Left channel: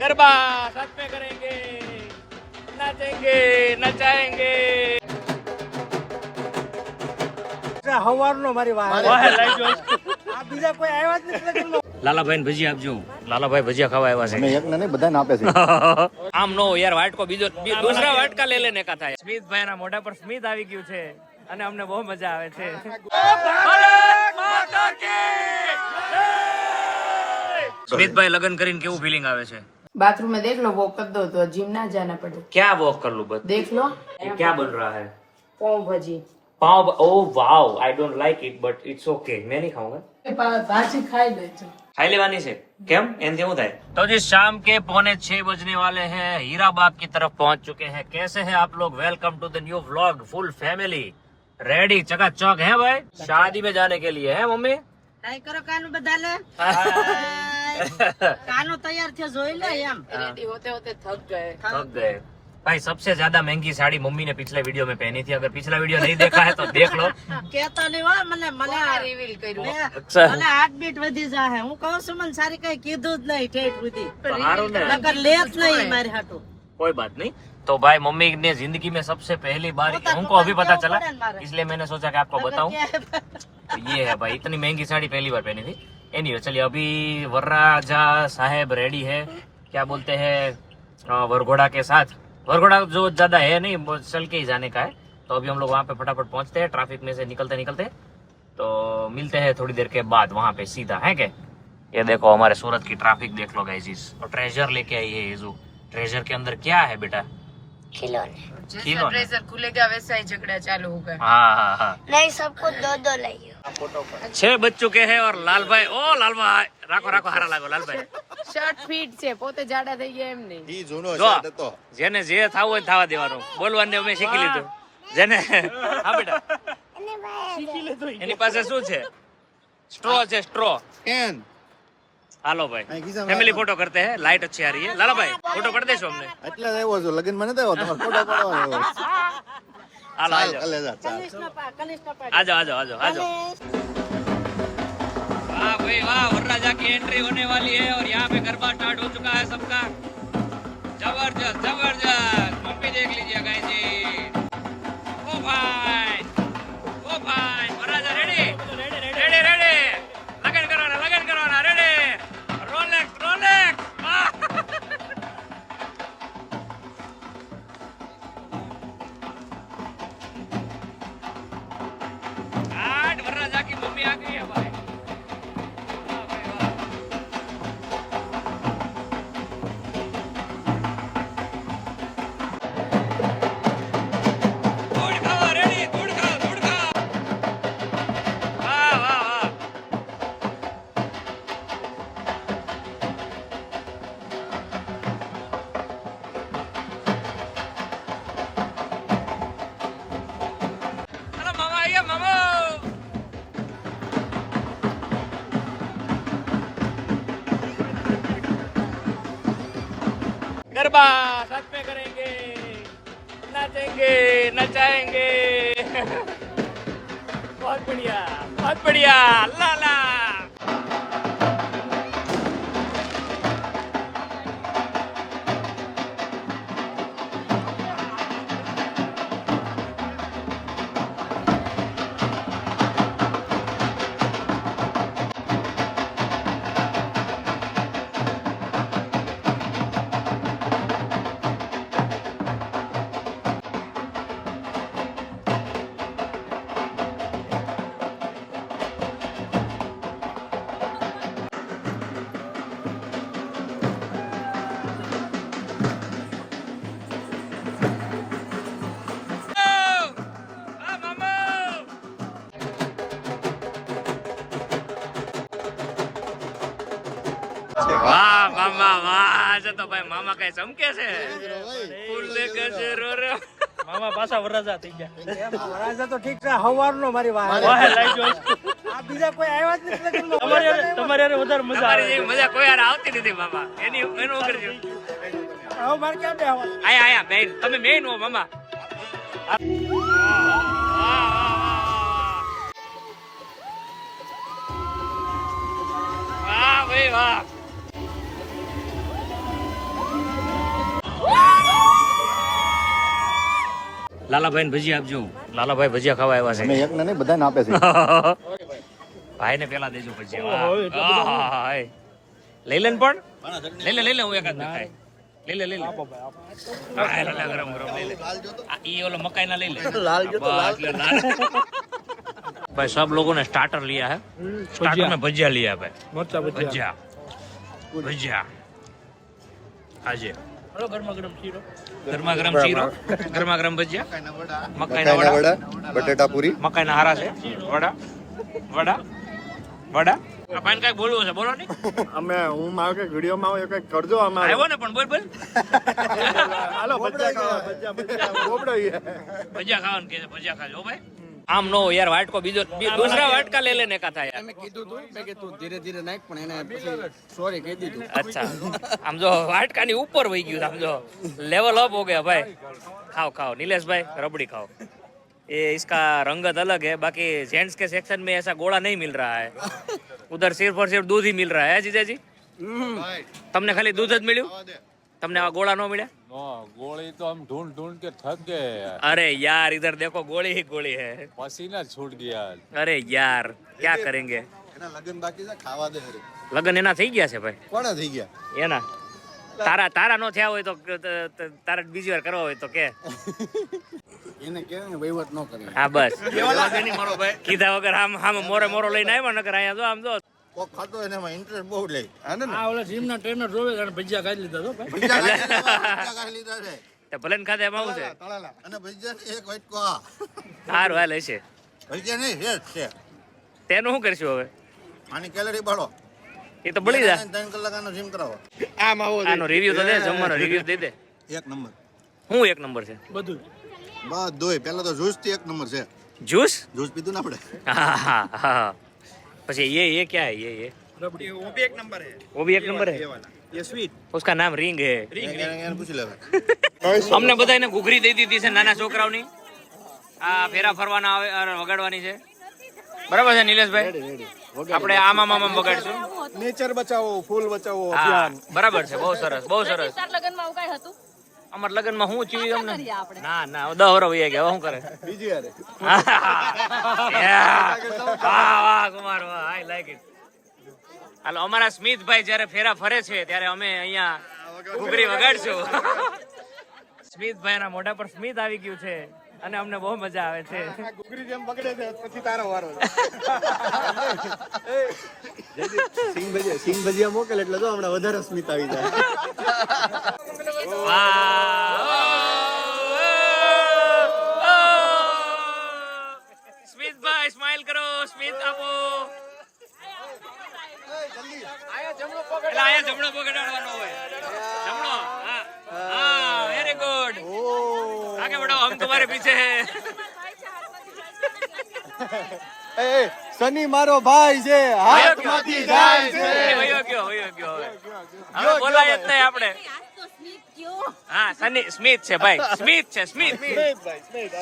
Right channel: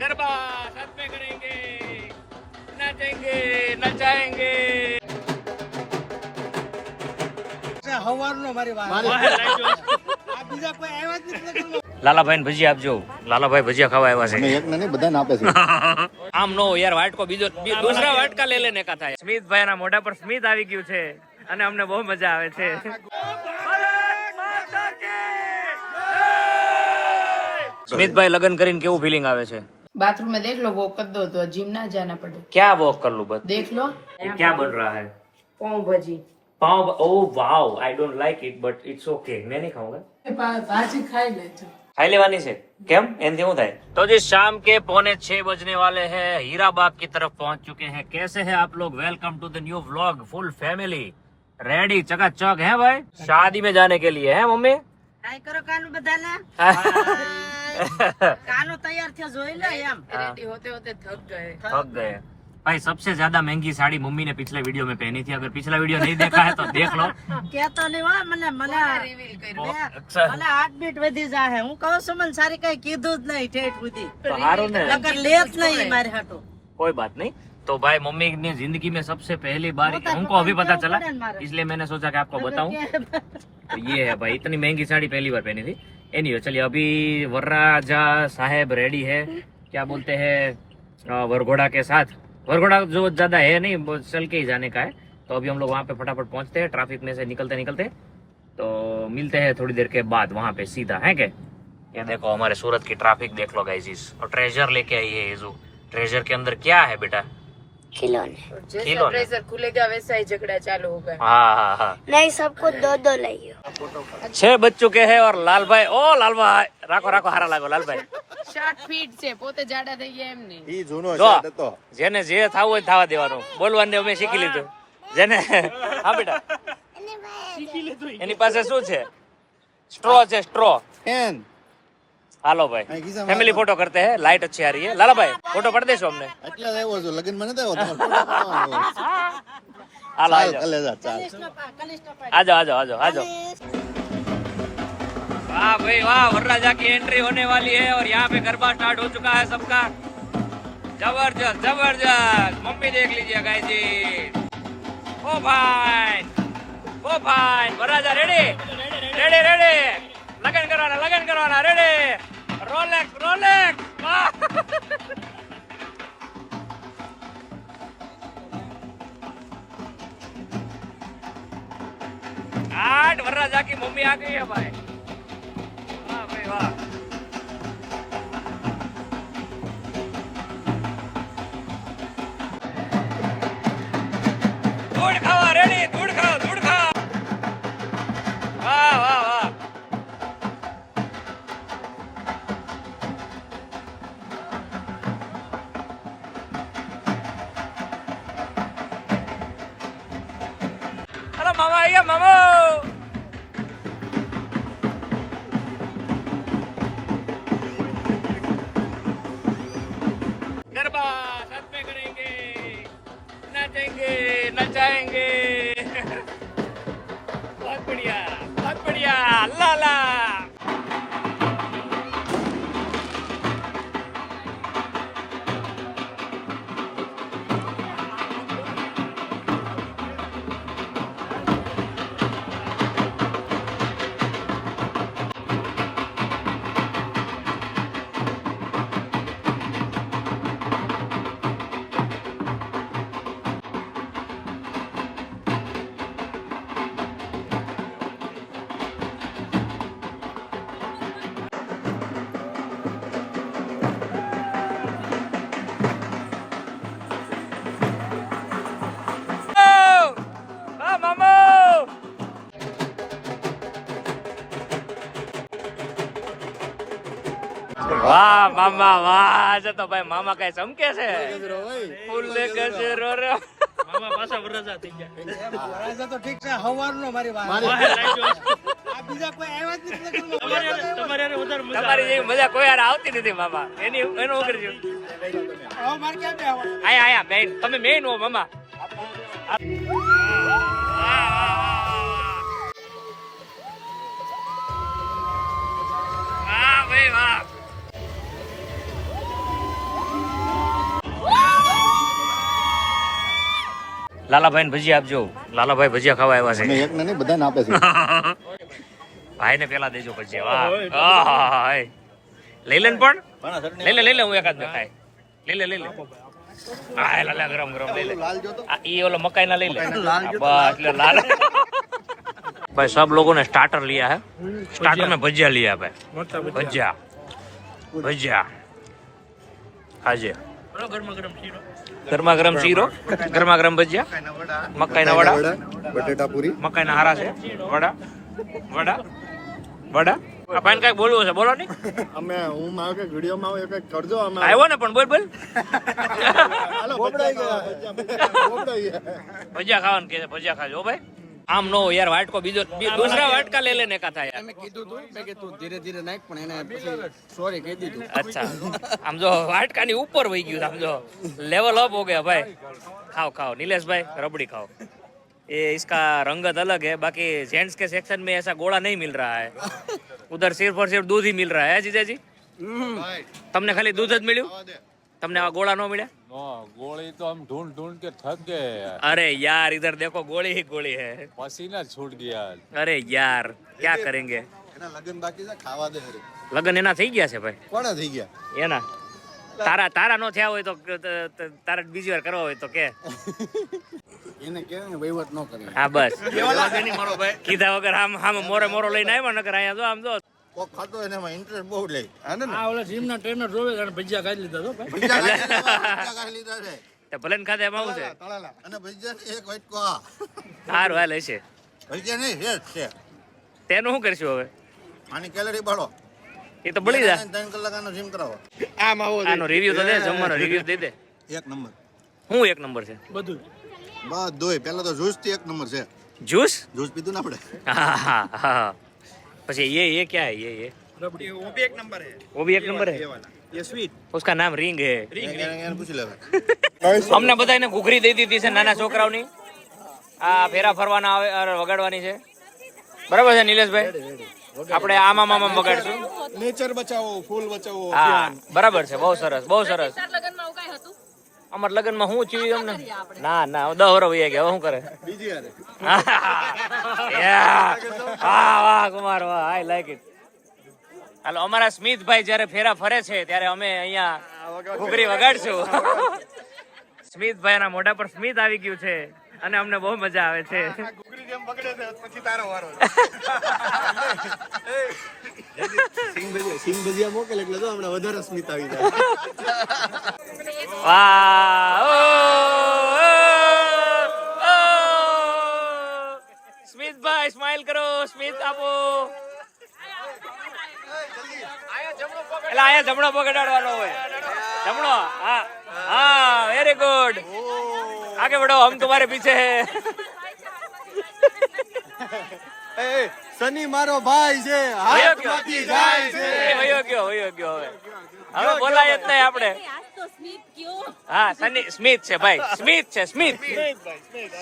गरबा साथ में करेंगे, नाचेंगे, नचाएंगे। હવારનો મારી વાત આ બીજા કોઈ આવ્યા જ નથી. લાલાભાઈ ભજીયા આપજો. લાલાભાઈ ભજીયા ખાવા આવ્યા છે. એક ને બધાને આપે છે. આમ નો યાર વાટકો બીજો દૂસરા વાટકા લઈ લેને કા થાય. સ્મિતભાઈ ના મોઢા પર સ્મિત આવી ગયું છે અને અમને બહુ મજા આવે છે. સ્મિતભાઈ લગન કરીને કેવું ફીલિંગ આવે છે? बाथरूम में देख लो वो कर दो तो जिम ना जाना पड़े. क्या वॉक कर लूं बस? देख लो क्या बन रहा है? Pav bhaji. Pav. Oh wow, I don't like it but it's okay. मैं नहीं खाऊंगा. भाजी खाई लेते. खाई लेवानी છે કેમ? એનથી શું થાય? तो जी शाम के 5:45 बजने वाले हैं. हीराबाग की तरफ पहुंच चुके हैं. कैसे हैं आप लोग? Welcome to the new vlog. Full family ready चकाचक है भाई शादी में जाने के लिए है मम्मी. ટ્રાય કરો કાનું બધા લે કાનો તૈયાર થયો જોઈ લે એમ रेडी होते होते थक गए. थक गए भाई. सबसे ज्यादा महंगी साड़ी मम्मी ने पिछले वीडियो में पहनी थी. अगर पिछला वीडियो नहीं देखा है तो देख लो. કેતા નહીં હો મને મને रिवील कर મને હાર્ટબીટ વધી જાહે હું કહું છું મને સારી કઈ કીધું જ નહીં ઠેઠ સુધી સારું ને. નકર લેત નહીં મારે હાટું कोई बात नहीं. तो भाई मम्मी ने जिंदगी में सबसे पहली बार हमको अभी पता चला इसलिए मैंने सोचा कि आपको बताऊं. तो ये है भाई इतनी महंगी साड़ी पहली बार पहनी थी. एनीवे चलिए अभी वरराजा साहेब रेडी है. क्या बोलते हैं वरघोड़ा के साथ. वरघोड़ा जो ज्यादा है नहीं चल के ही जाने का है. तो अभी हम लोग वहाँ पे फटाफट पहुंचते हैं. ट्रैफिक में से निकलते निकलते तो मिलते हैं थोड़ी देर के बाद वहाँ पे सीधा है क्या. ये देखो हमारे सूरत की ट्रैफिक देख लो गाइस. और ट्रेजर लेके आई है जो. ट्रेजर के अंदर क्या है बेटा? जैसे खिलौने. ट्रेजर खुलेगा वैसा ही झगड़ा चालू होगा. हाँ हाँ हाँ. नहीं सबको दो दो लाइए. 6 बज चुके हैं और लाल भाई. ओ लाल भाई राखो राखो हारा लागो लाल भाई. શર્ટ ફિટ છે પોતે જાડા થઈ ગયા એમ નહીં. ઈ જૂનો જો શર્ટ હતો. જેને જે થવું હોય થવા દેવાનું. બોલવાનું અમે શીખી લીધું. જેને હા બેટા એની પાસે શું છે? સ્ટ્રો છે સ્ટ્રો. કેન હાલો ભાઈ फैमिली फोटो करते हैं. लाइट अच्छी आ रही है. लाला भाई फोटो कर देशो हमने. એટલે જ આવ્યો છું લગન માં નતો આવ્યો તમારો ફોટો પાડવાનો. હાલો આવી જાઓ ચાલ લે જા ચાલ. आ जाओ आ जाओ आ जाओ आ जाओ. वाह भाई वाह. वरराजा की एंट्री होने वाली है और यहाँ पे गरबा स्टार्ट हो चुका है सबका. जबरदस्त जबरदस्त. मम्मी देख लीजिए गाइस जी. ओ भाई ओ भाई. वरराजा रेडी रेडी रेडी. लगन करवाना रेडी. Rolex Rolex. आठ वरराजा की मम्मी आ गई है भाई. वाह भाई वाह. दूध खाओ रेडी. दूध खाओ दूध खाओ. वाह वाह वाह. हेलो मामा आइए मामा. गरबा साथ में करेंगे, नाचेंगे, नचाएंगे. बहुत बढ़िया बहुत बढ़िया. लाला વાહ મામા વાહ. આજે તો ભાઈ મામા કઈ ચમકે છે. ફૂલ ગજરો રે. મામા પાછા વરરાજા થઈ ગયા. વરાજા તો ઠીક છે હવારનો મારી વાત આ બીજા કોઈ આવ્યા જ નથી. તમારી જેવી મજા કોઈ યાર આવતી નથી મામા. એનું કરજો. હવે મારે ક્યાં બે આવવા? આયા આયા બેન તમે મેન હો મામા. વાહ ભાઈ વાહ. લાલાભાઈ ને ભજીયા આપજો. લાલાભાઈ ભજીયા ખાવા આવ્યા અમે છે. એક ને નહીં બધાને આપે છે. ભાઈ ને પેલા દેજો ભજીયા. વાહ આહા, લઈ લે ને પણ લઈ લે હું એકાદ ને ખાય. લઈ લે હા લાલા ગરમ ગરમ લઈ લે. આ ઈ ઓલો મકાઈ ના લઈ લે. બસ લે લાલ. भाई सब लोगों ने स्टार्टर लिया है. स्टार्टर में भजिया लिया है भाई. भजिया भजिया हाजी. गरमा गरम चीरो, गरमा गरम भजिया, मकाई ना वड़ा, બટેટા પૂરી, મકાઈ ના હારા છે, વડા વડા વડા. આ પાન કઈ બોલવું છે બોલો નહીં. અમે હું મારો કે વિડિયો માં કઈક કરજો. અમે આવ્યો ને પણ બોલ હાલો ભજીયા ખાવાનું કે ભજીયા ખાજો ભાઈ. આમ નો યાર વાટકો બીજો દૂસરા વાટકા લે લેને કા થાય. મેં કીધું તું મેં કે તું ધીરે ધીરે નાખ પણ એને પછી સોરી કહી દીધું. अच्छा આમ જો વાટકા ની ઉપર વહી ગયું. આમ જો लेवल अप हो गया भाई. खाओ खाओ नीलेश भाई रबड़ी खाओ. ये इसका रंगत अलग है. बाकी जेंट्स के सेक्शन में ऐसा गोला नहीं मिल रहा है. उधर सिर्फ और सिर्फ दूध ही मिल रहा है जीजाजी. તમને ખાલી દૂધ જ મળ્યું. તમને આ ગોળા નો મળ્યા. गोली तो हम ढूंढ ढूंढ के थक गए यार. अरे यार इधर देखो गोली ही गोली है. पसीना छूट गया. अरे यार क्या करेंगे. એના લગન બાકી છે, ખાવા દે. લગન એના થઈ ગયા છે ભાઈ. કોણે થઈ ગયા? એના તારા નો થયા હોય તો તારા બીજી વાર કરવા હોય તો કે એને કહેવાય ને વહીવટ ન કરે. હા બસ કીધા વગર આમ મોરો લઈને આવ્યો નકર અહીંયા જો આમ જો કોક ખાતો એને એમાં ઇન્ટરેસ્ટ બહુ લે. આ ઓલા જીમના ટ્રેનર જોવે અને ભજીયા ખાઈ લીધા તો ભાઈ. ભજીયા ખાઈ લીધા છે. તે ભલે ને ખાધે એમાં શું છે. અને ભજીયા એક વાટકો આ. સારું હાલ હશે. ભજીયા નહીં હેડ છે. તેનું શું કરશું હવે. આની કેલરી બાળો. એ તો બળી જાય. 3 કલાક આનો જીમ કરાવો. આનો રિવ્યુ તો દે. જમવાનો રિવ્યુ દે દે. એક નંબર. શું એક નંબર છે. બધું બધુંય. પહેલા તો જ્યુસ થી એક નંબર છે. जूस જ્યુસ પીધું ને આપણે. हाँ हाँ. પછી ये क्या है ये રબડી वो भी एक नंबर है. वो भी एक नंबर है. ये स्वीट उसका नाम रिंग है. એને પૂછી લેવા. અમને બધાને ઘૂઘરી દઈ દીધી છે નાના છોકરાઓની. આ ફેરા ફરવાના આવે વગાડવાની છે. બરાબર છે નિલેશભાઈ. આપણે આમાં આમાં વગાડશું. નેચર બચાવો, ફૂલ બચાવો. હા બરાબર છે. બહુ સરસ બહુ સરસ. અમાર લગનમાં શું થયું અમને. ના 10 વર્ષ વહી ગયા. હવે શું કરે. બીજી યાર વાહ વાહ કુમાર વાહ. I like it. હાલો અમારા સ્મિતભાઈ જયારે ફેરા ફરે છે ત્યારે અમે અહીંયા ઘૂઘરી વગાડશું. સ્મિતભાઈ ના મોઢા પર સ્મિત આવી ગયું છે અને અમને બહુ મજા આવે છે. સિંગ ભજીયા મોકલે એટલે જો હમણાં વધારે સ્મિત આવી જાય. વાહ સ્મિતભાઈ સ્માઈલ કરો. સ્મિત આપો. એટલે અહીંયા જમણો પકડાડવાનો હોય. જમણો. હા હા વેરી ગુડ. आगे बढ़ो हम तुम्हारे पीछे हैं. શનિ મારો ભાઈ છે, હાથમાંથી જાય છે. વયો ગયો હવે. હવે બોલાય જ નહીં આપણે. હા સ્મિત છે ભાઈ. સ્મિત છે સ્મિત.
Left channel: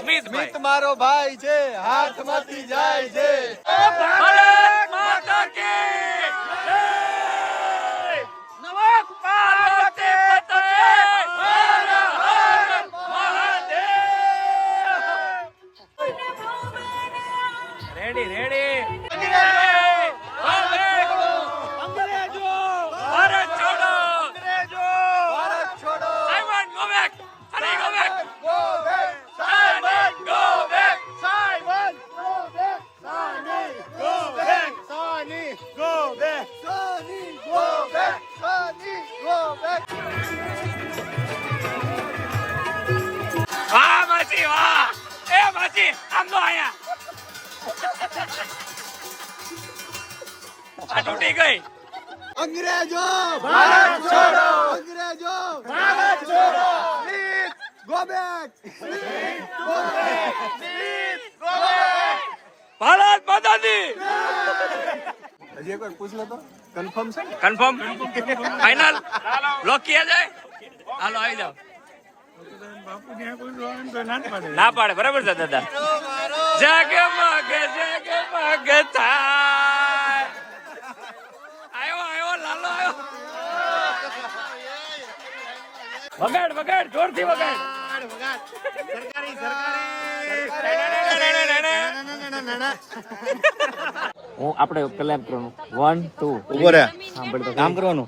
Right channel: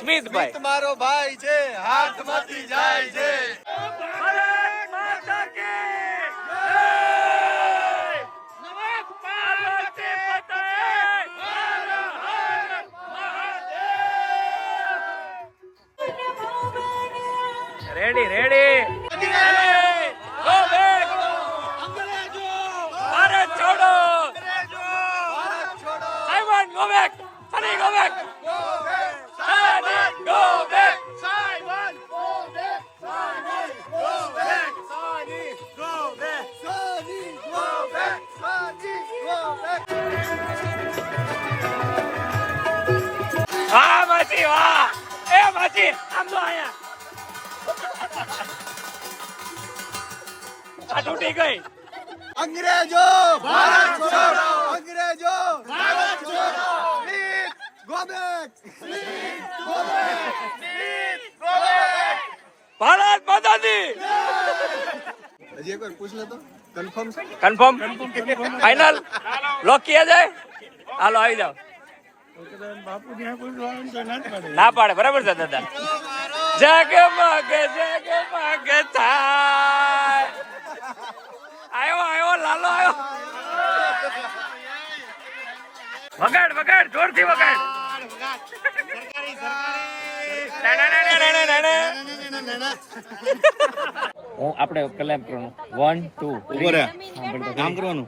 સ્મિતભાઈ મારો ભાઈ છે, હાથમાંથી જાય છે. ભારત માતા કી પાર્વતી પતે. Ready go back. ભારત છોડો. Simon go back. Sunny go back. Sunny go back. વાહ માસી વાહ. એ માસી આમ તો આયા. આ તૂટી ગઈ. અંગ્રેજો ભારત છોડો, અંગ્રેજો ભારત છોડો. Go back. ભારત માતા દી. હજી એકવાર પૂછ લે તો કન્ફર્મ છે. કન્ફર્મ ફાઇનલ લોક કિયા જાય. હાલો આવી જાઓ. ના પાડે. બરાબર છે દાદા. જગમગ થાય. આવ્યો લાલો આવ્યો. વગાડ જોરથી વગાડ. હું આપણે પેલા એમ કરવાનું 1 2 ઉભો રહે. સાંભળ તો કામ કરવાનું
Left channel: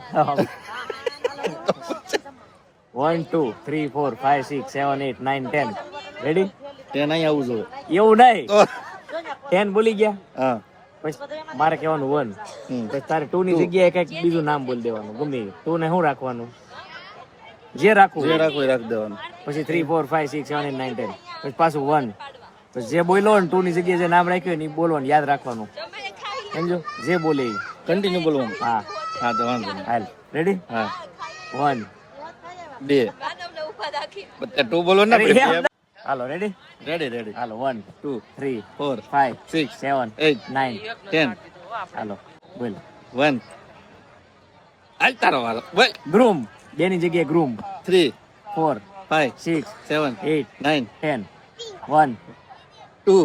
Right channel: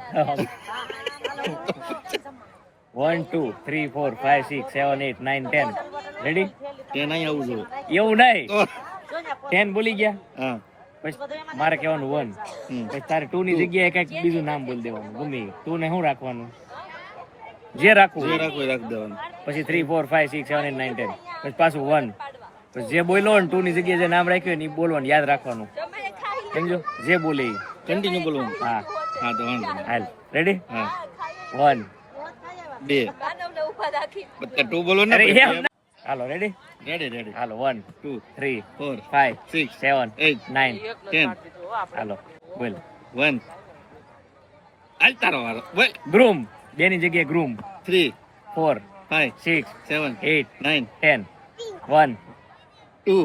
1 2 3 4 5 6 7 8 9 10 રેડી તે નહીં આવું જોઈએ. એવું નહીં 10 બોલી ગયા હા પછી મારે કહેવાનું 1 પછી તારે 2 ની જગ્યાએ કઈક બીજું નામ બોલી દેવાનું ગમે 2 ને શું રાખવાનું જે રાખવું રાખી દેવાનું. પછી 3 4 5 6 7 8 9 10 પછી પાછું 1 પછી જે બોલ્યો ને 2 ની જગ્યાએ જે નામ રાખ્યું ને એ બોલવાનું યાદ રાખવાનું સમજો જે બોલે ઈ. કન્ટિન્યુ બોલવાનું. હા હા તો વાંધો નહીં. હાલ રેડી હા 1 2 બધા 2 બોલવાનું અરે ને. એમ ના. હાલો રેડી રેડી હાલો 1 2 3 4 5 6 7 8 9 10 હાલો બોલ 1 આલ તારો વારો બોલ. ગ્રૂમ બે ની જગ્યાએ ગ્રૂમ 3 4 5 6 7 8 9 10 1 2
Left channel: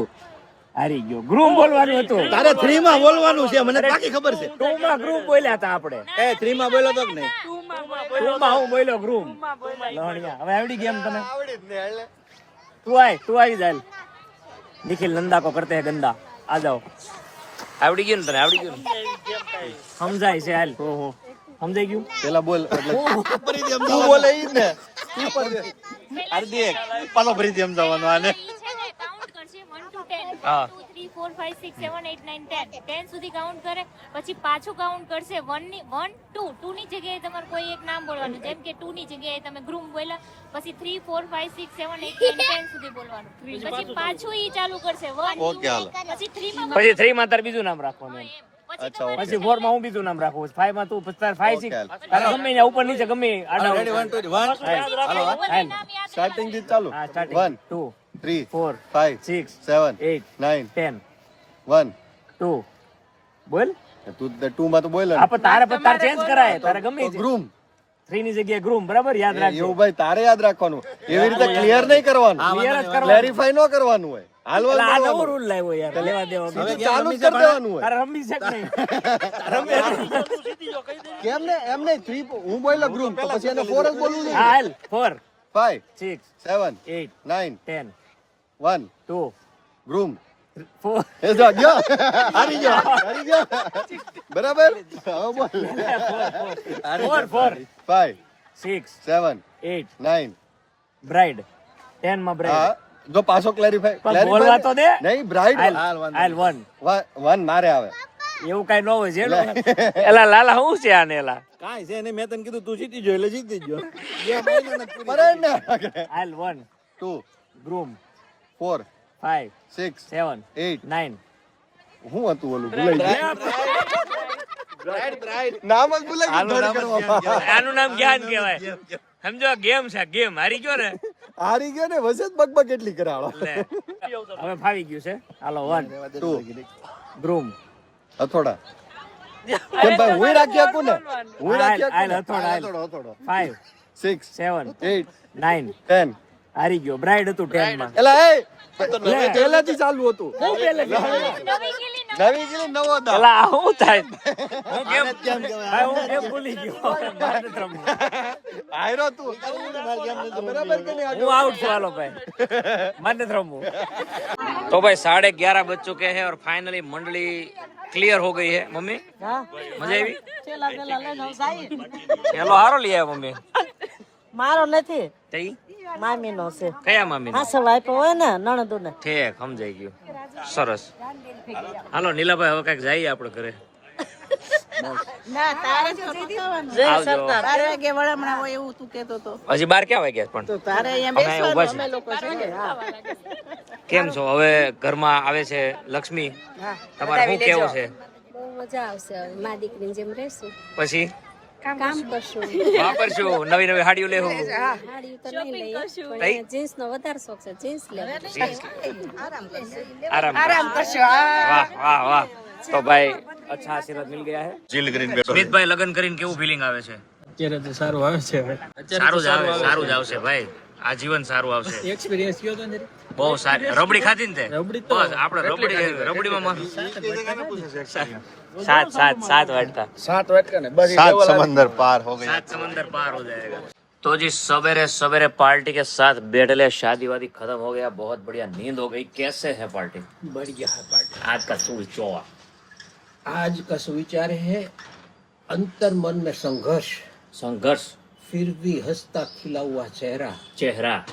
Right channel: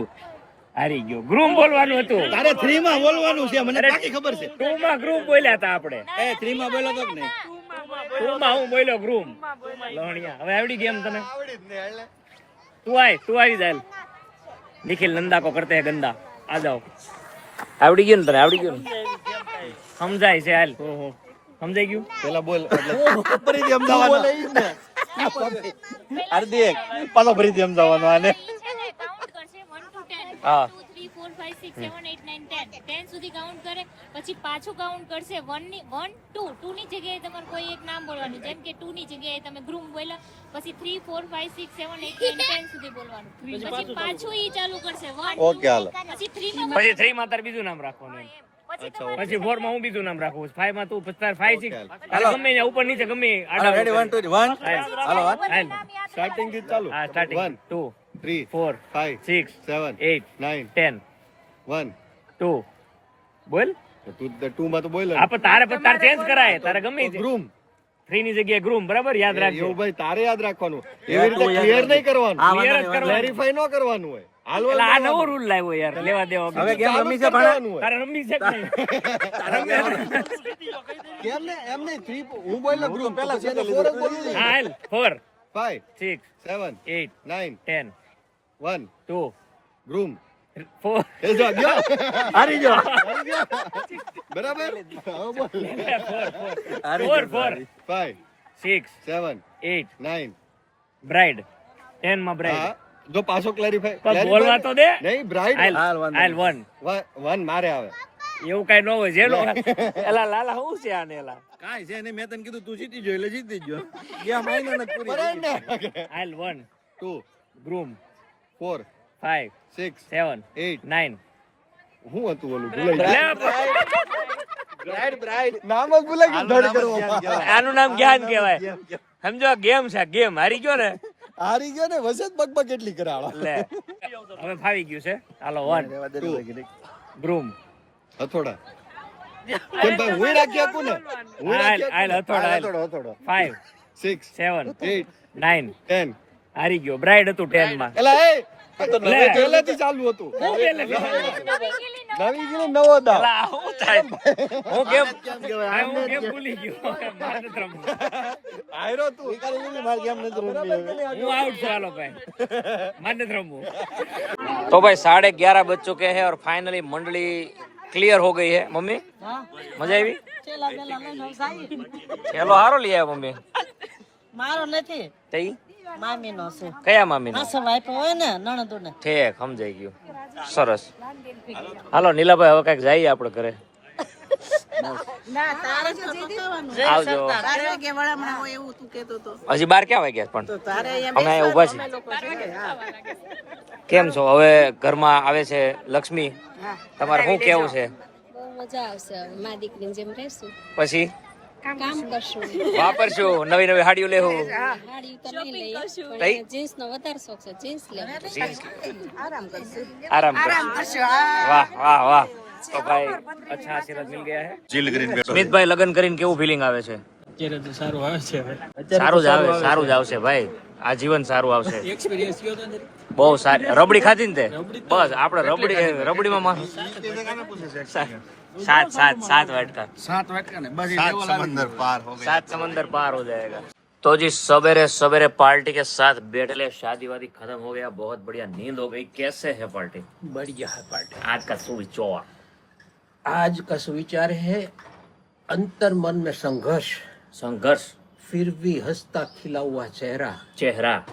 હારી ગયો ગ્રૂમ બોલવાનું હતું તારે 3 માં બોલવાનું છે મને અરે, પાકી ખબર છે. 2 માં ગ્રૂમ બોલ્યા હતા આપણે એ 3 માં બોલ્યો તો કે નહીં? 2 માં હું બોલ્યો ગ્રૂમ લહણિયા હવે આવડી ગેમ તને તું આવી જાય નિખિલ નંદા કો કરતે હે ગંદા આ જાઓ આવડી ગયું ને તને આવડી ગયું ને સમજાય છે હાલ સમજાઈ ગયું પેલા બોલ એટલે ફરીથી અમદાવાદ બોલે ઈ ને અડધી એક પાછો ફરીથી અમદાવાદ આને હા 2 3 4 5 6 7 8 9 10 10 સુધી કાઉન્ટ કરે પછી પાછું કાઉન્ટ કરશે 1 2 ની જગ્યાએ તમારે કોઈ એક નામ બોલવાનું જેમ કે 2 ની જગ્યાએ તમે ગ્રૂમ બોલ્યા પછી 3 4 5 6 7 8 9 10 સુધી બોલવાનું પછી પાછું ઈ ચાલુ કરશે 1 ઓકે હાલો. પછી 3 માં પછી 3 માં તારે બીજું નામ રાખવાનું એમ. પછી અચ્છા, તમારે પછી 4 માં હું બીજું નામ રાખું 5 માં તું પછી તારે 5 6 તારે ગમે ત્યાં ઉપર નીચે ગમે આડા રેડી 1 2 1 હાલો હાલ સ્ટાર્ટિંગ થી ચાલુ. હા સ્ટાર્ટિંગ 1 2 3 4 5 6 7 8 9 10 1 2 બોલ તું 2 માં તો બોલ ને. આપણે તારે પછી તારે ચેન્જ કરાય તારે ગમે તે ગ્રૂમ 3 ની જગ્યાએ ગ્રૂમ બરાબર યાદ રાખજો એવું ભાઈ તારે યાદ રાખવાનું એવી રીતે ક્લિયર નહીં કરવાનું ક્લિયર જ કરવાનું ક્લેરિફાઈ ન કરવાનું હોય એટલે આ નવો રૂલ લાવ્યો યાર લેવા દેવા હવે ગેમ રમી છે ભણવાનું હોય તારે રમી છે કે નહીં કેમ ને એમ નહીં 3 હું બોલ્યો ગ્રુપ તો પછી એને 4 જ બોલવું હા હાલ 4 5 6 7 8 9 10 1 2 ગ્રુમ 4 એ જો ગયો હારી ગયો બરાબર હવે બોલ 4 4 5 6 7 8 9 બ્રાઇડ 10 માં હા બ્રાઇડ જો પાછો ક્લેરિફાઈ પણ બોલવા તો દે નહીં બ્રાઇડ હાલ 1 1 મારે આવે એવું કઈ ન હોય જેનો એલા લાલા હું છે આને એલા કાઈ છે ને મેં તને કીધું તું જીતી જો એટલે જીતી ગયો ગેમ આઈને ને પૂરી ને હાલ 1 2 ગ્રૂમ 4 5 6 7 8 9 હું હતું ઓલું ભૂલાઈ ગયું નામ જ ભૂલાઈ ગયું ધડ કરવા આનું નામ જ્ઞાન કહેવાય સમજો ગેમ છે ગેમ હારી ગયો ને હારી ગયો ને વસત બકબક કેટલી કરાળો હવે ફાવી ગયું છે હાલો 1 2 ગ્રૂમ હથોડા કેમ ભાઈ હું રાખી શકું ને હું હાલ રાખી હાલ હથોડા હાલ હથોડો 5 6 7 8 9 10 હારી ગયો બ્રાઇડ હતું 10 માં એલા એ લે. પહેલાથી ચાલુ હતું હું પેલે નવી ગીરી નવો દા અલા હું થાય હું કેમ ભાઈ હું કેમ ભૂલી ગયો મારે તો રમવું. આયરો તું માર ગેમ નથી બરાબર કે નહીં હું આઉટ છું હાલો ભાઈ મને જ રમવું तो भाई 11:30 बज चुके हैं और फाइनली मंडली क्लियर हो गई है मम्मी मजा આવી ચેલા પેલા લઈને હું સાઈ ચેલો હારો લઈ આવ્યા મમ્મી મારો નથી તઈ મામીનો છે કયા મામી હા સવાઈ હોય ને નણંદુને ઠીક સમજાઈ ગયું સરસ હાલો નીલાભાઈ હવે કઈક જઈએ આપણે ઘરે આવજો હજી 12 ક્યાં વાગ્યા પણ અમે અહીંયા ઊભા છીએ કેમ છો હવે ઘરમાં આવે છે લક્ષ્મી તમારે શું કેવું છે બહુ મજા આવશે હવે મા દીકરીની જેમ રહેશું પછી કામ કરશું વાપરશું નવી નવી હાડીઓ લેવું હાડી તો નહીં લઈએ તઈ? પણ જીન્સ નો વધારે શોખ છે જીન્સ લેવું આરામ કરશું વાહ વાહ વાહ તો ભાઈ અચ્છા આશીર્વાદ મિલ ગયા હે ચીલ કરીને બેઠો સ્મિતભાઈ લગન કરીને કેવું ફીલિંગ આવે છે અત્યારે તો સારું આવે છે સારું જ આવશે ભાઈ આ જીવન સારું આવશે એક્સપિરિયન્સ કયો તો અંદર બહુ સારી રબડી ખાધી ને તે રબડી તો- બસ આપણે રબડીમાં સાત વાટકા 7 વાટકા ને બસ 7 समंदर पार हो गए 7 समंदर पार हो जाएगा तो जी सवेरे सवेरे पार्टी के साथ बैठे, शादी वादी खत्म हो गया, बहुत बढ़िया नींद हो गई। कैसे है पार्टी? बढ़िया है पार्टी। आज का सुविचार आज का सुविचार है अंतर मन में संघर्ष, संघर्ष, फिर भी हंसता खिला हुआ चेहरा, चेहरा,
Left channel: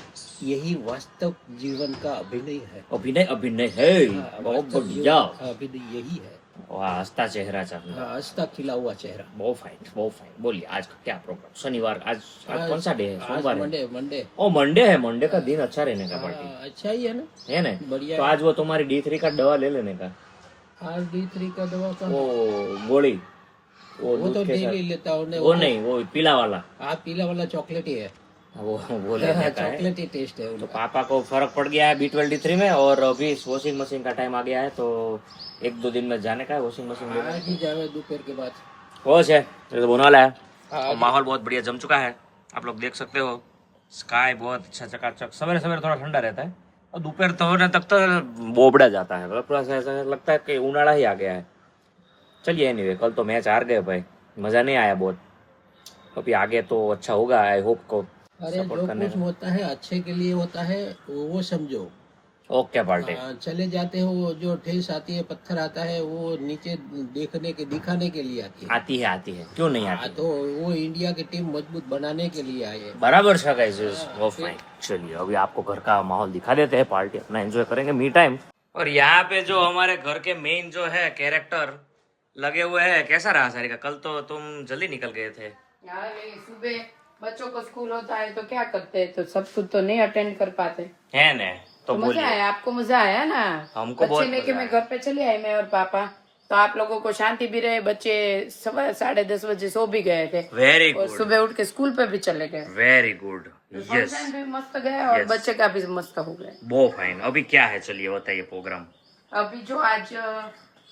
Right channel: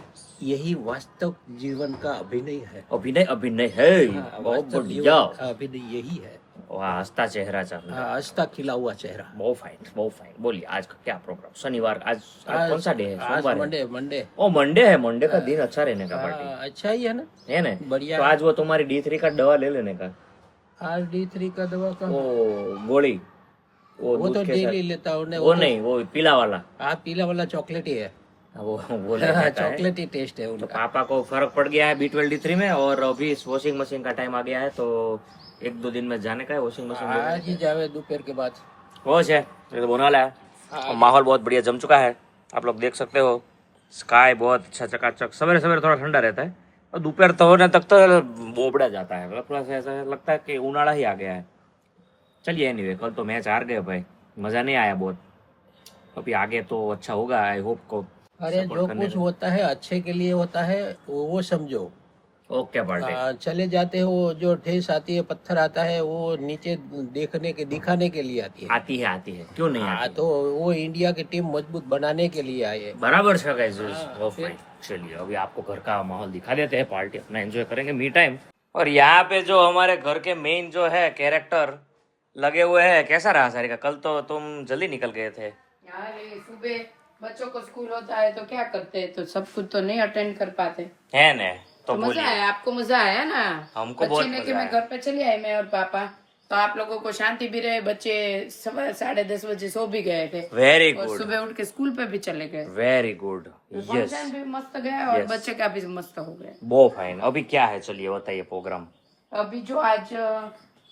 यही वास्तव जीवन का अभिनय है। अभिनय, अभिनय है। हाँ, बहुत वास्तव बढ़िया। जीवन का अभिनय यही है। वाह, हंसता चेहरा चाहिए। हाँ, हंसता खिला हुआ चेहरा। बहुत फाइन, बहुत फाइन। बोलिए आज का क्या प्रोग्राम? शनिवार, आज कौन सा डे है? आज सोमवार है? Monday, Monday. ओ मंडे है, मंडे का दिन अच्छा रहने का पार्टी अच्छा ही है ना, है ना? बढ़िया। तो आज वो तुम्हारी D3 का दवा ले लेने का, आज D3 का दवा का वो गोली, वो वो दूध तो के डेली साथ। लेता हूँ। वो नहीं, वो पीला वाला, पीला वाला चॉकलेट ही है। वो लेने का है। चॉकलेट ही टेस्ट है तो उनका। पापा को फर्क पड़ गया है B12 D3 में, और अभी वॉशिंग मशीन का टाइम आ गया है, तो 1-2 दिन में जाने का है वॉशिंग मशीन लेने। आज ही जावे दोपहर के बाद। हो है ये तो बोनाला है। और माहौल बहुत बढ़िया जम चुका है, आप लोग देख सकते हो। स्काई बहुत अच्छा चकाचक, सवेरे सवेरे थोड़ा ठंडा रहता है और दोपहर तो होने तक तो बोबड़ा जाता है, मतलब थोड़ा सा ऐसा लगता है कि उनाड़ा ही आ गया है। चलिए एनीवे, कल तो मैच हार गए भाई, मजा नहीं आया बहुत। अभी आगे तो अच्छा होगा, आई होप को अरे सपोर्ट जो करने कुछ होता है अच्छे के लिए होता है, वो समझो। Okay party. चले जाते हो, जो ठेस आती है, पत्थर आता है, वो नीचे दिखाने के लिए आती है। आती है, क्यों नहीं आती? तो वो इंडिया की टीम मजबूत बनाने के लिए आई है। बराबर सा गाइस, वो फाइन। चलिए अभी आपको घर का माहौल दिखा देते हैं, पार्टी अपना एंजॉय करेंगे, मी टाइम। और यहाँ पे जो हमारे घर के मेन जो है कैरेक्टर लगे हुए हैं, कैसा रहा सारिका? कल तो तुम जल्दी निकल गए थे। यार ये सुबह बच्चों को स्कूल होता है तो क्या करते हैं, तो सब कुछ तो नहीं अटेंड कर पाते। है ना? तो मजा बोलिए। आया, आपको मजा आया ना? हमको बहुत बच्चे लेके मजा मैं आया। घर पे चले आए, मैं और पापा, तो आप लोगों को शांति भी रहे। बच्चे 10:30 बजे सो भी गए थे वेरी और गुड, सुबह उठ के स्कूल पे भी चले गए। वेरी गुड, यस, फंक्शन भी मस्त गया और Yes. बच्चे का भी मस्त हो गया। बहुत फाइन। अभी क्या है, चलिए बताइए प्रोग्राम। अभी जो आज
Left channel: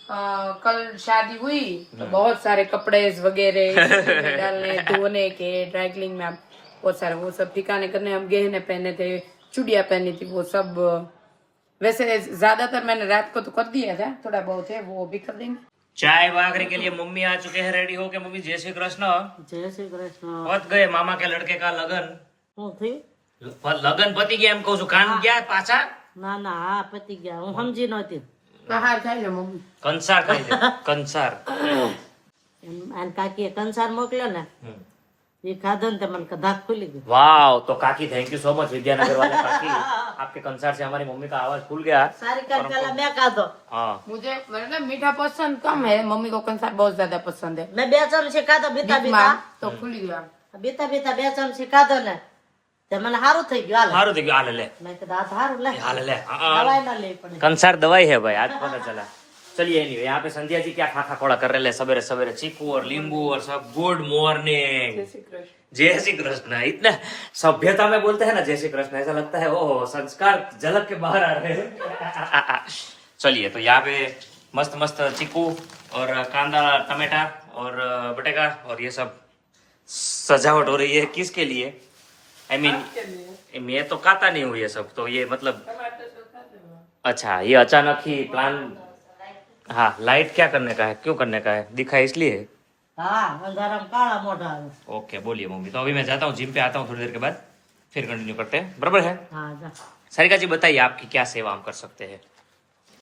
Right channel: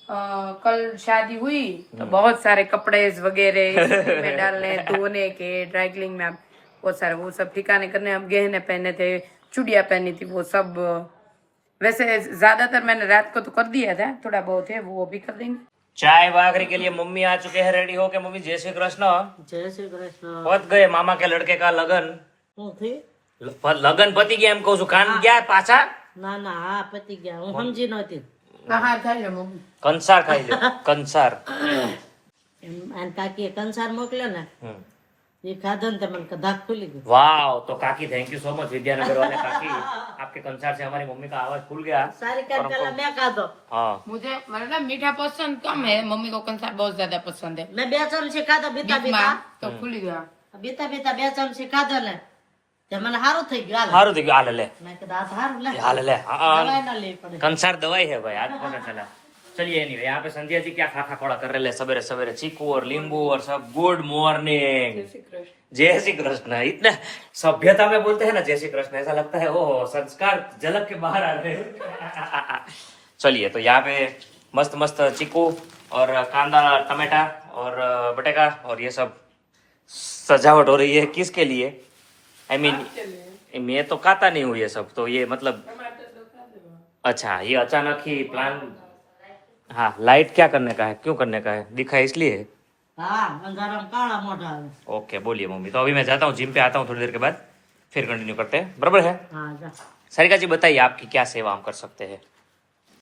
कल शादी हुई तो बहुत सारे कपड़े वगैरह इस्त्री में डालने, धोने के, ड्राई क्लीनिंग में बहुत सारे वो सब ठिकाने करने। हम गहने पहने थे, चूड़ियां पहनी थी, वो सब वैसे ज्यादातर मैंने रात को तो कर दिया था, थोड़ा बहुत है वो भी कर देंगे। चाय बागरी के लिए मम्मी आ चुके हैं रेडी होके। मम्मी जय श्री कृष्ण। जय श्री कृष्ण। पत गए मामा के लड़के का लगन। હું थी? लगन पति गया, એમ કહું છું। કાન ગયા પાછા? ના ના, હા પતી ગયા, હું સમજી નહોતી. कहाँ था ये मम्मी? કંસાર ખાઈ લે, કંસાર। અને કાકીએ કંસાર મોકલ્યો ને, એ ખાધો ને તો મને ધક खुली गई। वाह, तो काकी thank you so much, Vidyanagar वाले काकी। आपके कंसार से हमारी मम्मी का आवाज खुल गया। सारी का पहला मैं खाधो। हाँ, मुझे मतलब मीठा पसंद कम है, मम्मी को कंसार बहुत ज्यादा पसंद है। मैं 2 ચમચી ખાધો, બીતા बीच બીતા में तो खुल गया। બીતા બીતા 2 ચમચી ખાધો ને, તે મને સારું થઈ ગયું। હાલ हारू देखियो, हाल ले, મેં કીધું આ સારું લે, हाल ले। हाँ, દવાઈ ના લેવી પડે। कंसार दवाई है भाई, आज पता चला। चलिए नहीं, यहाँ पे संध्या जी क्या खा कोड़ा कर रहे हैं सवेरे सवेरे, चीकू और नींबू और सब। गुड मॉर्निंग, जय श्री कृष्ण। इतना सभ्यता में बोलते हैं ना जय श्री कृष्ण, ऐसा लगता है ओ संस्कार झलक के बाहर आ रहे हैं। चलिए, तो यहाँ पे मस्त मस्त चीकू और कांदा, टमाटा और बटेका और ये सब सजावट हो रही है। किसके लिए? आई मीन मैं तो खाता नहीं हूँ ये सब, तो ये मतलब अच्छा, ये अचानक ही प्लान। हाँ, लाइट क्या करने का है, क्यों करने का है, दिखा इसलिए? હા અંધારામાં કાળા મોઢા આવે। ओके, बोलिए मम्मी। तो अभी मैं जाता हूँ जिम पे, आता हूँ थोड़ी देर के बाद, फिर कंटिन्यू करते हैं, बराबर है? હા જા। सारिका जी बताइए आपकी क्या सेवा हम कर सकते हैं?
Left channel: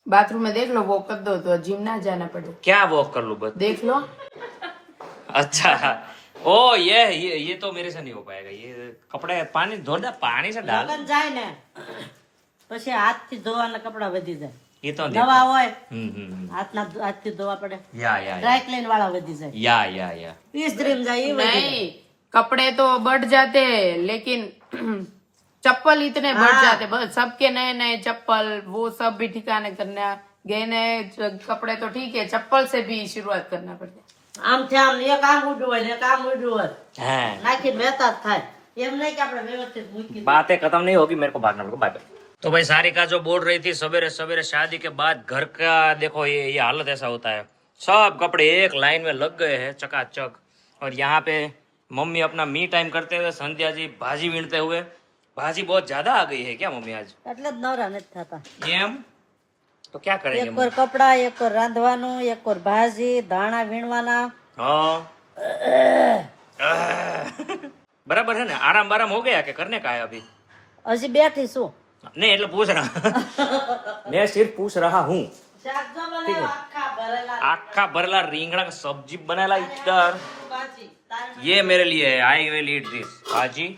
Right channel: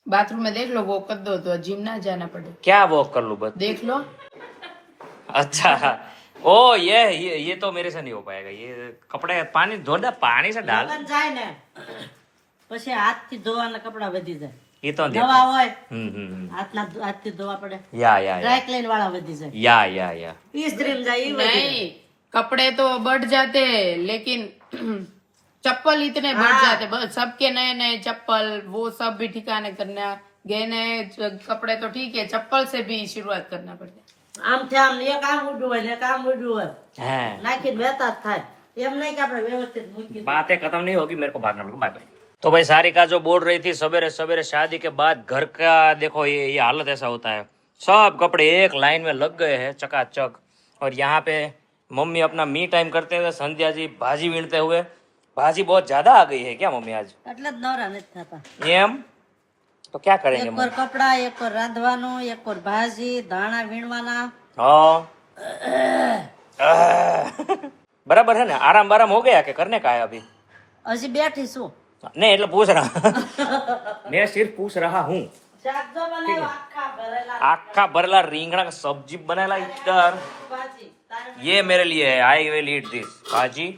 बाथरूम में देख लो, वो कर दो तो जिम ना जाना पड़े। क्या वॉक कर लूँ बस? देख लो। अच्छा, ओ ये तो मेरे से नहीं हो पाएगा। ये कपड़े पानी धो दे, पानी से डाल। લગન જાય ને પછી હાથથી ધોવાના કપડા વધી જાય। ये तो નવા હોય हम्म, હાથથી ધોવા પડે। या ડ્રાય ક્લીન વાળા વધી જાય। या ઇસ્ત્રીમાં જાય એ વધી જાય। नहीं, कपड़े तो बढ़ जाते हैं, लेकिन चप्पल इतने बढ़ जाते, बस सबके नए नए चप्पल, वो सब भी ठिकाने करना। गहने कपड़े तो ठीक है, चप्पल से भी शुरुआत करना पड़ता है। આમથી આમ એક આમ ઉડ્યું હોય ને એક આમ ઉડ્યું હોય, है। નાખી મહેતા જ થાય। એમ નહીં કે આપણે વ્યવસ્થિત મૂકી દઈએ। बातें खत्म नहीं होगी, मेरे को बात ना बाय। तो भाई सारिका जो बोल रही थी सवेरे सवेरे शादी के बाद घर का, देखो ये हालत ऐसा होता है, सब कपड़े एक लाइन में लग गए हैं चकाचक। और यहाँ पे मम्मी अपना मी टाइम करते हुए, संध्या जी भाजी वीणते हुए। भाजी बहुत ज्यादा आ गई है क्या मम्मी आज? એટલે જ નવરા નથી થતા। एम तो क्या करेंगे એક मम्मी? કોર કપડા, એક કોર રાંધવાનું, એક કોર ભાજી, ધાણા વીણવાના। हाँ, बराबर है ना? आराम बाराम हो गया कि करने का है अभी? હજી બેઠી છું. नहीं એટલે पूछ रहा मैं सिर्फ पूछ रहा हूँ. શાક જો બનાવ્યા આખા ભરેલા आखा भरला રીંગણા का सब्जी बनाला इधर. ભાજી. તારે ये मेरे लिए है. आई विल ईट दिस भाजी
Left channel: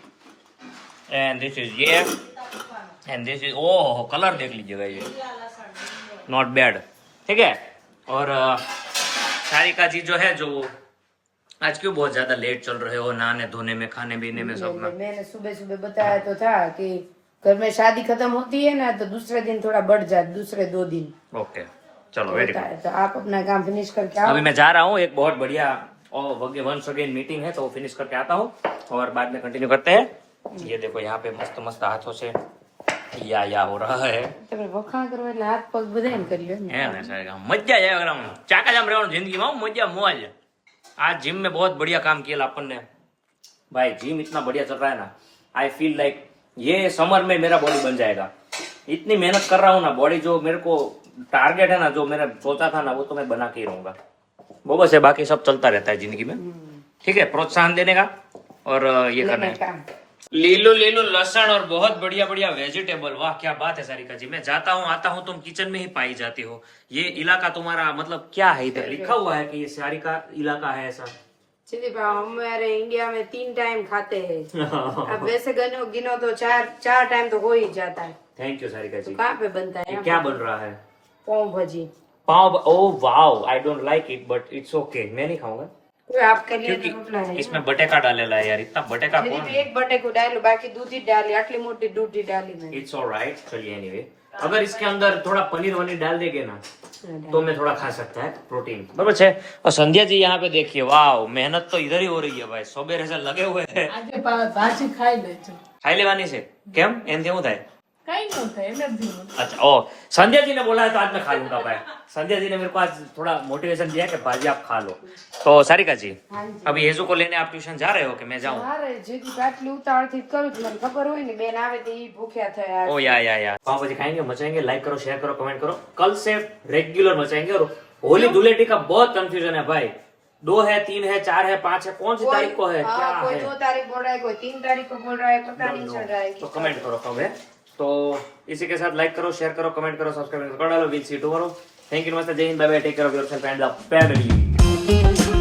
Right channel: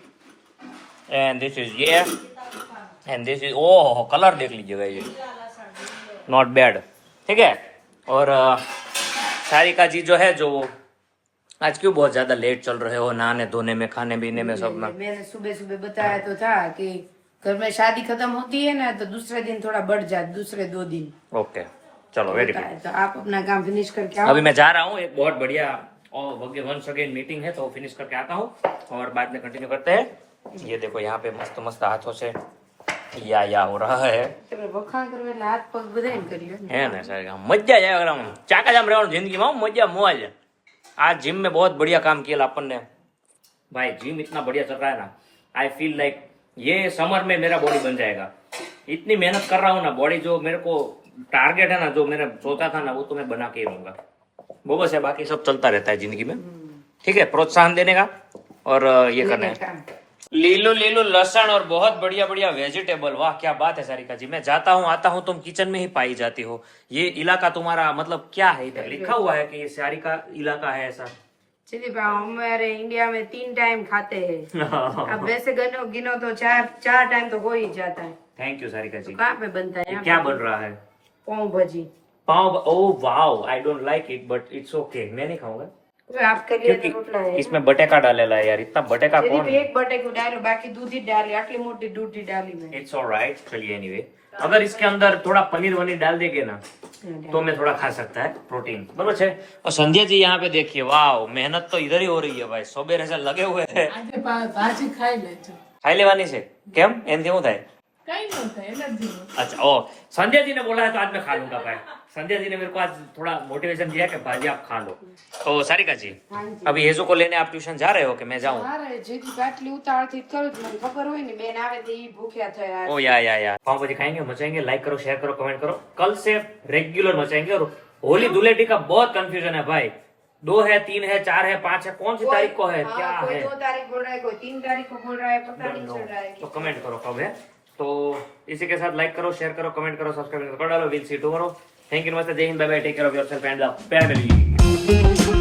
एंड दिस इज ये and this is oh colour देख लीजिएगा ये नॉट बैड. ठीक है. और सारिका जी जो है जो आज क्यों बहुत ज्यादा लेट चल रहे हो नहाने धोने में खाने पीने में सब में? मैंने सुबह सुबह बताया तो था कि घर में शादी खत्म होती है ना तो दूसरे दिन थोड़ा बढ़ जाए, दूसरे 2 दिन ओके चलो वेरी होता गुड. है. तो आप अपना काम फिनिश करके आओ. अभी मैं जा रहा हूँ. एक बहुत बढ़िया और वंस अगेन मीटिंग है तो वो फिनिश करके आता हूँ और बाद में कंटिन्यू करते हैं. ये देखो यहाँ पे मस्त मस्त हाथों से या हो रहा है. તમે વખાણ કરવા એટલે હાથ પગ બધા એમ કરી લ્યો ને. है ना सर मजा जाएगा चाका जाम रहा जिंदगी में मजा मौज. आज जिम में बहुत बढ़िया काम किया अपन ने भाई. जिम इतना बढ़िया चल रहा है ना. आई फील लाइक ये समर में मेरा बॉडी बन जाएगा. इतनी मेहनत कर रहा हूँ ना. बॉडी जो मेरे को टारगेट है ना जो मैंने सोचा था ना वो तो मैं बना के ही रहूंगा. वो बस है बाकी सब चलता रहता है जिंदगी में. ठीक है. प्रोत्साहन देने का और ये करना है. लीलो लीलो लहसुन और बहुत बढ़िया बढ़िया वेजिटेबल. वाह क्या बात है सारिका जी. मैं जाता हूँ आता हूँ तुम किचन में ही पाई जाती हो. ये इलाका तुम्हारा मतलब क्या है? इधर लिखा हुआ है कि ये सारिका इलाका है ऐसा? चलिए हमारे इंडिया में 3 टाइम खाते हैं. अब वैसे गिनो तो 4 टाइम तो हो ही जाता है. थैंक यू सारिका जी. कहाँ पे बनता है? ये क्या बन रहा है? Pav bhaji. Pav. Oh wow I don't like it but it's okay. मैं नहीं खाऊंगा कोई आपके लिए तो रोटला है. इसमें बटेका डालेला है यार. इतना बटेका सिर्फ कौन? एक बटेको डालो बाकी दूध ही डाली. आटली मोटी दूध ही डाली मैंने. It's alright. चलिए एनीवे अगर इसके अंदर थोड़ा पनीर वनीर डाल देंगे ना तो मैं थोड़ा खा सकता है प्रोटीन. बराबर છે. और संध्या जी यहाँ पे देखिए. वाह मेहनत तो इधर ही हो रही है भाई. सवेरे से लगे हुए हैं. ભાજી ખાઈ લેજો. खाई लेवानी છે કેમ એમથી શું થાય? કઈ ન થાય એલર્જી. अच्छा ओ संध्या जी ने बोला है तो आज मैं खा लूंगा भाई. संध्या जी ने मेरे को आज थोड़ा मोटिवेशन दिया कि भाजी आप खा लो. तो सारिका जी अभी हेजो को लेने आप ट्यूशन जा रहे हो कि मैं जाऊँ? અરે જેથી આટલી ઉતાવળથી કરું છું મને ખબર હોય ને બેન આવે તો ઈ ભૂખ્યા થયા. ओ या पाव भाजी खाएंगे मचाएंगे. लाइक करो शेयर करो कमेंट करो. कल से रेगुलर मचाएंगे. और होली धुलेटी का बहुत कंफ्यूजन है भाई. 2 है 3 है 4 है 5 है कौन सी तारीख को है क्या कोई है? 2 तारीख बोल रहा है कोई 3 तारीख को बोल रहा है पता नहीं चल रहा है. तो कमेंट करो कब है. तो इसी के साथ लाइक करो शेयर करो कमेंट करो सब्सक्राइब कर डालो. Will see tomorrow. Thank you नमस्ते जय हिंद bye bye. Take care of yourself and the family.